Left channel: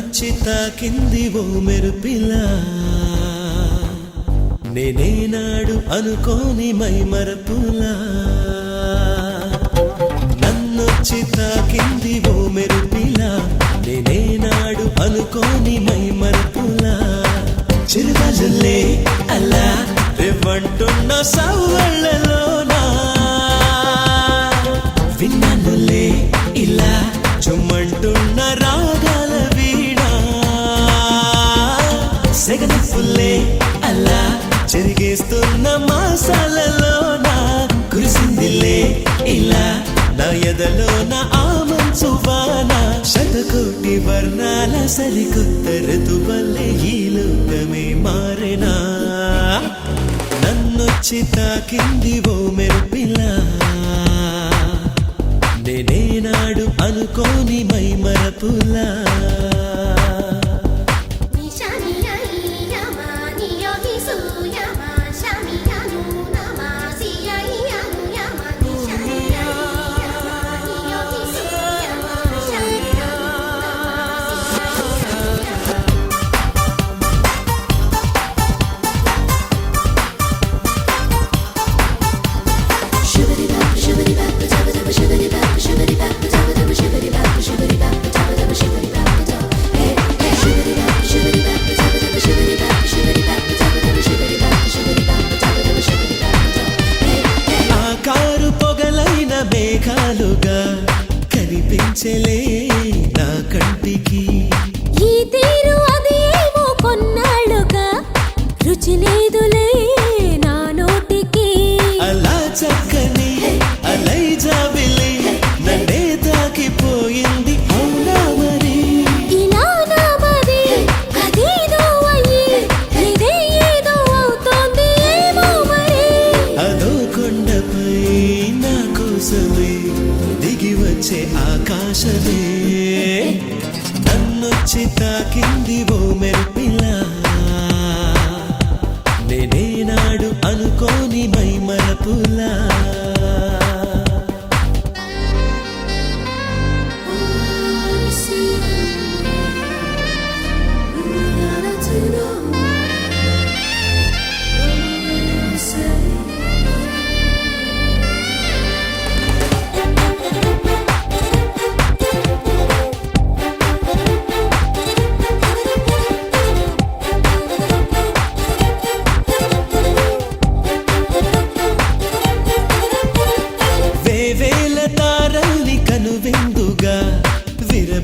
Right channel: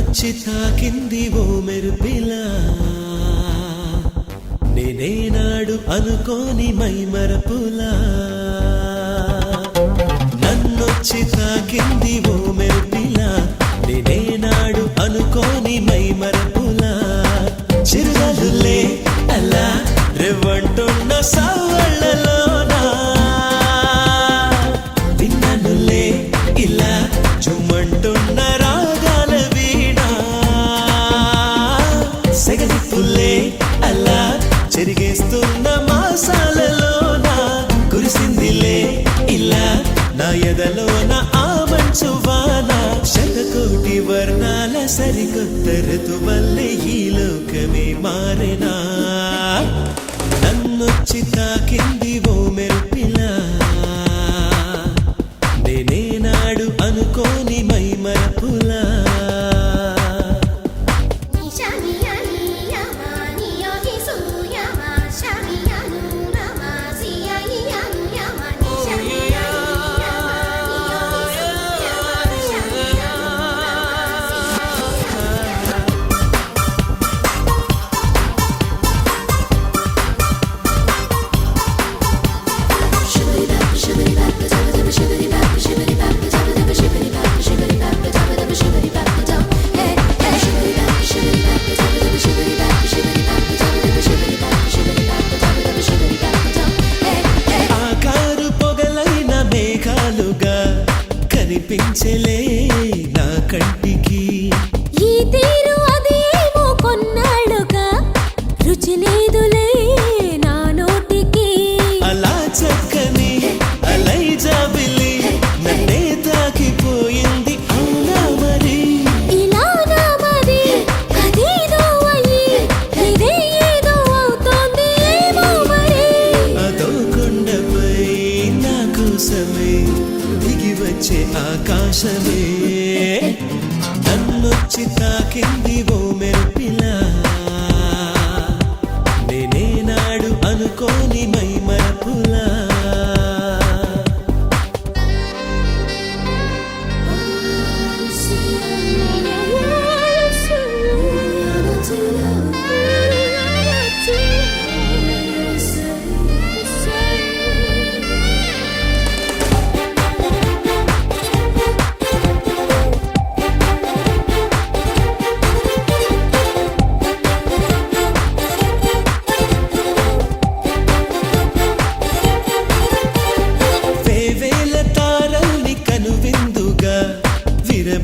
నన్నొచ్చి తాకింది ఓ మెరుపిలా నేనేనాడు అనుకోని మై మరపులా నన్నొచ్చి తాకింది ఓ మెరుపిలా నేనేనాడు అనుకోని మై మరపులా చిరుగాజులే అలా రేవంటున్న సవ్వళ్ళలోనా విన్నానులే ఇలా చుమ్మంటున్న రాగాల వీడా సెగనిప్పులే అలా చెరిగేస్తున్న మాసాలలోనా కురిసిందిలే ఇలా నా ఎదలోన ఆవంచు వాన శతకోటి వర్ణాల సరికొత్త ఋతువల్లే ఈ లోకమే మారెనా నన్నొచ్చి తాకింది ఓ మెరుపిలా నేనేనాడు అనుకోని మై మరపులా కనిపించలే నా కంటికి ఈ తీరు అదేమో కొన్నాళ్ళుగా రుచి లేదులే నా నోటికి అలా చక్కని అలై జాబిలి నన్నే తాకిపోయింది అవునా మరి ఇలా నా మది అదేదో అయ్యి ఇదే ఏదో అవుతోంది ఏమో మరి అదో కొండపై నా కోసమే దిగి వచ్చే ఆకాశమే నన్నొచ్చి తాకింది ఓ మెరుపిలా నేనేనాడు అనుకోని మై మరపులా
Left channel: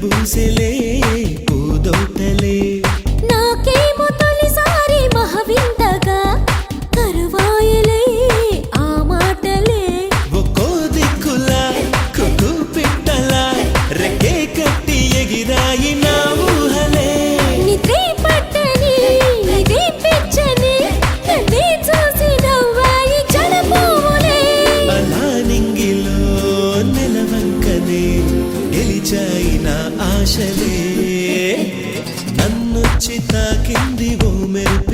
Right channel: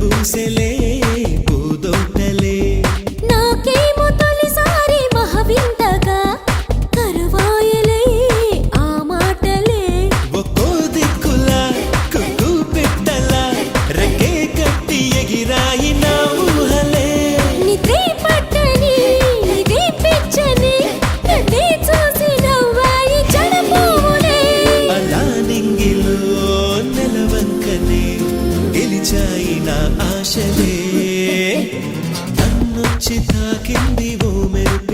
పూసెలే పూదోటలే నాకేమో తొలిసారి మహవింతగా కరువాయలే ఆ మాటలే ఒక్కో దిక్కులా కుక్కు పిట్టలా రెక్కే కుట్టి ఎగిరాయి నా ఊహలే నిద్రే పట్టని ఇదే పిచ్చని నన్నే చూసి నవ్వాయి జడపువ్వులే అలా నింగిలో నెలవంకనే గెలిచాయి నా ఆశలే నన్నొచ్చి తాకింది ఓ మెరుపు